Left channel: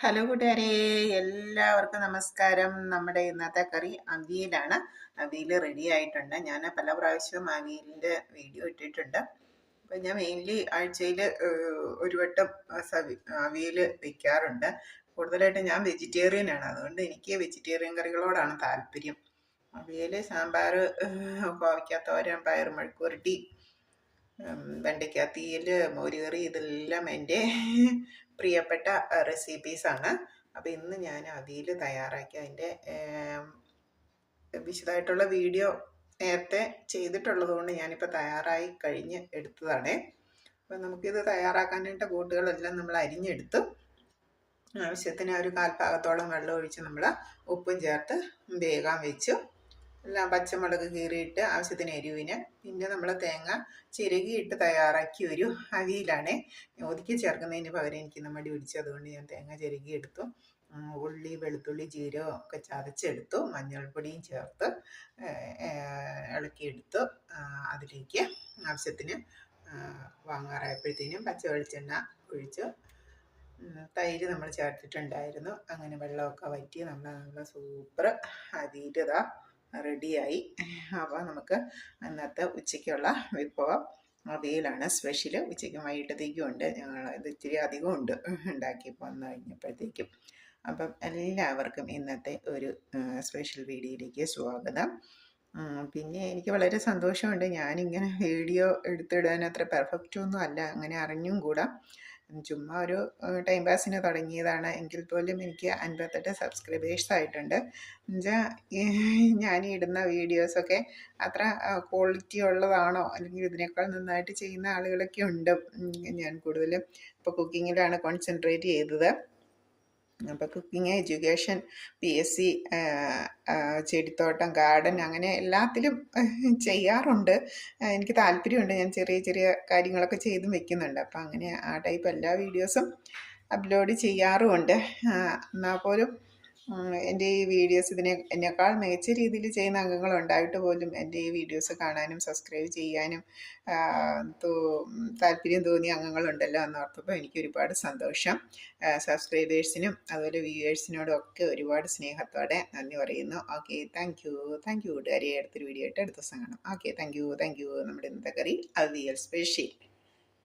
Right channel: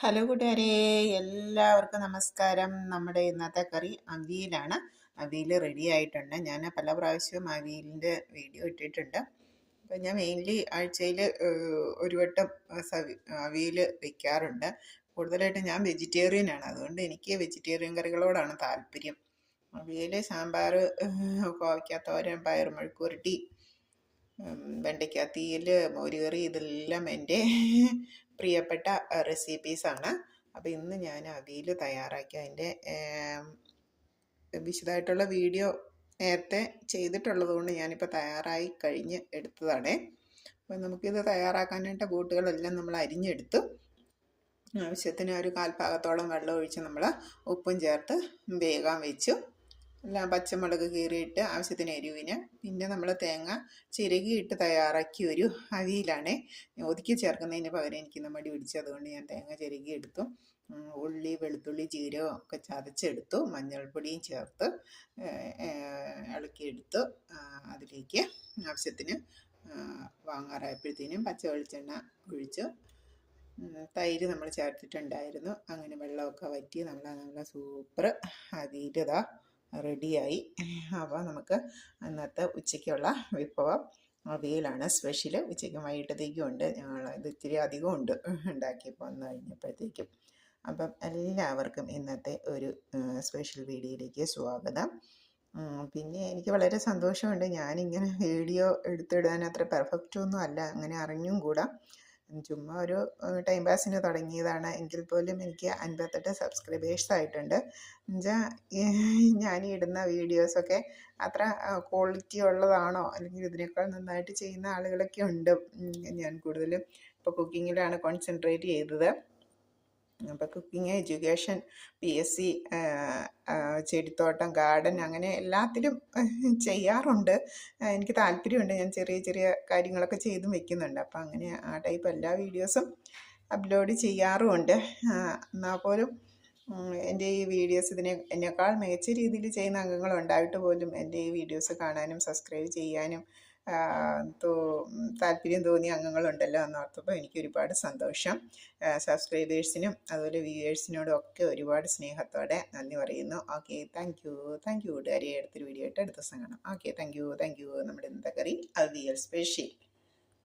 Hello കൂട്ടുകാരെ, എല്ലാവർക്കും നമസ്കാരം. നമ്മുടെ ഇന്നത്തെ കറി അവിയലാണ്. അവിയൽ റെഡി ആയിട്ടുണ്ട്. ഞാൻ പല പ്രാവശ്യവും അവിയലിൻ്റെ വീഡിയോ ഇട്ടിട്ടുണ്ട്. അപ്പം ഞാൻ മെയിൻലി ആഴ്ചയിൽ ഒരു വട്ടം അവിയൽ വയ്ക്കാറുണ്ട്. കൂടുതലായിട്ട് ഞാൻ വെജിറ്റേറിയനാണ്, അതുകൊണ്ട് എനിക്ക് വെജിറ്റേറിയൻ കറികളോടാണ് താല്പര്യം. അവിയൽ, സാമ്പാർ, കോവയ്ക്കാത്തോരൻ, പയർ മെഴുക്കുവരട്ടി, വെണ്ടയ്ക്ക തീയൽ, മോരുകറി, ഇതെല്ലാം എൻ്റെ പ്രിയപ്പെട്ട റെസിപ്പീസാണ്. അപ്പോൾ ഇന്ന് ഞാൻ അവിയൽ തയ്യാറാക്കി അതിൻ്റെ വിശദമായിട്ടുള്ള വീഡിയോ നേരത്തെ ചെയ്തിട്ടുള്ളത് കൊണ്ട് ഞാനിപ്പോൾ തയ്യാറായി കഴിഞ്ഞ് എടുത്തതാണ്. അപ്പോൾ നമുക്കിത് തയ്യാറാക്കാനായിട്ട് കൂട്ടുകളെല്ലാം നമ്മൾ അരിഞ്ഞെടുത്തു. ആവശ്യത്തിന് ഒരു കാൽഭാഗത്തോളം വെള്ളം ഒഴിച്ച് നമ്മൾ ഉപ്പും ചേർത്ത് വേകാൻ വെച്ചു. എല്ലാം പച്ചമുളക് കീറിയിട്ട് ആവശ്യത്തിന് എരിവിന്. പിന്നെ നമ്മൾ തേങ്ങ ചിരകിയിട്ട് തയ്യാറാക്കി ഒരു അവിയലാണ്. ഒതുക്കി ചേർക്കുന്നതിന് പകരം എനിക്ക് മടി പിടിച്ചു, അതുകൊണ്ട് ഞാൻ തേങ്ങ ചിരകി എടുത്തു. ഉള്ളി, വെളുത്തുള്ളി, ജീരകം ഒക്കെ ചതച്ചെടുത്തു. മഞ്ഞൾപ്പൊടിയും ചേർത്ത് ഇളക്കിയെടുത്തു. അതിലേക്ക് ആവശ്യത്തിന് വാങ്ങാറായപ്പോഴത്തേനും പച്ച വെളിച്ചെണ്ണ ഒഴിച്ച് തൈര് നമ്മൾ ചേർത്തിട്ടുണ്ടായിരുന്നു. അങ്ങനെ വെള്ളമൊക്കെ വറ്റി നല്ല സൂപ്പർ അവിയലിതാ റെഡിയായി. അപ്പോൾ നമുക്ക് ഇന്നത്തെ ഉച്ചയ്ക്കുള്ള വിഭവം അവിയലാണ് സ്പെഷ്യൽ. ഉച്ചയ്ക്കും വൈകിട്ടത്തേക്കും ഉണ്ട്. ഞങ്ങൾ ഇത് ഇച്ചിരി അധികം ഉണ്ട് ഉണ്ടാക്കിയപ്പോൾ വന്നു കഴിഞ്ഞപ്പോഴത്തേക്കും. അപ്പം എല്ലാവർക്കും ഇന്നത്തെ ഒരു സ്പെഷ്യൽ വീഡിയോയിലേക്ക് സ്വാഗതം. പിന്നെ എനിക്ക് വളരെ സന്തോഷമുണ്ട്. ഞാനിങ്ങനെ വീഡിയോ എടുത്തിടാൻ അത്ര പെർഫെക്റ്റ് ഒന്നും അല്ല, അങ്ങനെ അറിഞ്ഞും കൂടാ. ചുമ്മാ ഒരു ടൈം പാസിന് തുടങ്ങിയതാണ്. എങ്കിൽ പോലും എനിക്ക് 58 സബ്സ്ക്രൈബേഴ്സ് ആയിട്ടുണ്ട്. എന്നുവെച്ചാൽ ഞാൻ ഇടുന്ന വീഡിയോസൊക്കെ അത്ര ക്വാളിറ്റി ഉള്ളതാണോ, അല്ലെങ്കിൽ ഇതിനേക്കാൾ നന്നായിട്ട് ചെയ്യുന്ന ആളുകളൊക്കെ ഉണ്ട്. ഞാൻ കൂടുതലും ഇപ്പോൾ കുക്കിങ്ങിലാണ് കോൺസെൻട്രേറ്റ് ചെയ്തത്. അപ്പോൾ കുക്കിങ്, എഡ്യൂക്കേഷൻ, PSC, ചെടിത്തോട്ടം, ഗാർഡൻ, അങ്ങനെ എല്ലാത്തിലും ചെയ്യാറുണ്ട്. എനിക്ക് താല്പര്യമുണ്ട്. ഞാൻ ചെറിയ ചെറിയ കാര്യങ്ങളൊക്കെ ചെയ്തും വെക്കുന്നുണ്ട്. അപ്പോൾ അങ്ങനെ ആ ടൈപ്പ് എല്ലാ വീഡിയോസും അപ്ലോഡ് ചെയ്യാറുമുണ്ട്. എന്നാൽ പോലും എൻ്റെ ഈ വീഡിയോസ് എന്നെക്കാൾ മികച്ച രീതിയിൽ ചെയ്യുന്ന അംഗങ്ങളുണ്ടായിട്ട് പോലും എൻ്റെ ഈ വീഡിയോസ് കാണാനും സബ്സ്ക്രൈബ് ചെയ്യാനും താല്പര്യം തോന്നിയ അംഗങ്ങളുണ്ടല്ലോ എന്നോർത്തപ്പോൾ എനിക്ക് ഒരുപാട് സന്തോഷം. സബ്സ്ക്രൈബേഴ്സിനും അതുപോലെ വ്യൂവേഴ്സിനോടും ഒക്കെ ഒരുപാട് സ്നേഹത്തോടെ നന്ദി പറയുന്നു. ഓക്കെ, താങ്ക് യു കൂട്ടുകാരി. അടുത്തൊരു വീഡിയോ ആയിട്ട് അടുത്ത ദിവസം കാണാം. Okay, thank you. നമ്മുടെ ഇന്നത്തെ കറി അവിയൽ സ്പെഷ്യൽ.